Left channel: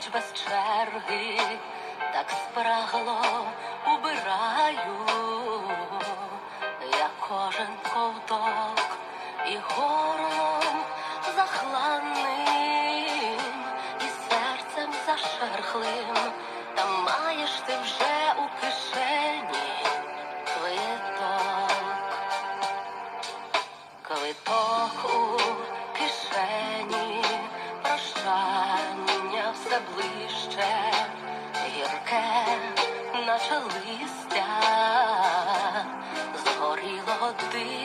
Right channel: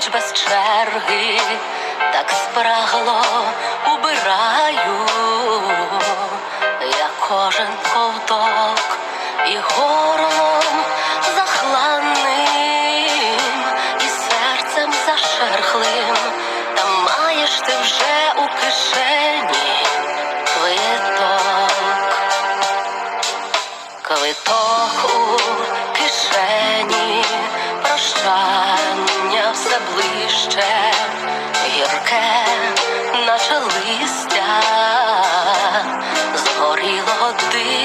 без черги, так спрагло убираю, я кожен ковток і горлом захланним, і серцем зашерхлим, та маєш ти вже у кишені квиток. Квиток у іще гірке, наче листя, згоріло ти.